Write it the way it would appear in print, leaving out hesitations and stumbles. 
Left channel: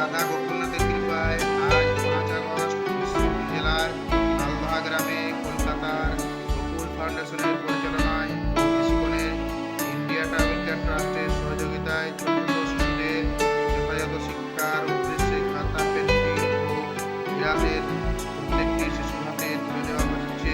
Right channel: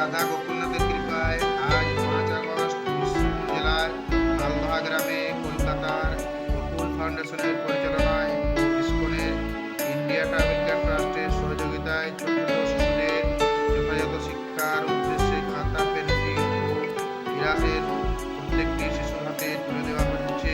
রাধা গোকুলনাথের কৃপায় আজ 5 আগস্ট বিষ্ণুপুর জেলার মালদহ গ্রামে কলকাতার গোকুল ফাউন্ডেশনের পরিচালনায় ও ইসকনের ইন্ডিয়া ট্রাভেল কেয়ার ট্রাস্টের সহযোগিতায় ছোট ছোট শিশুদের যথাযথ শিক্ষার উদ্দেশ্যে খাতা, পেন্সিল ও ইরাসের প্রত্যেকটি শিশুর হাতে তুলে দেওয়া হচ্ছে।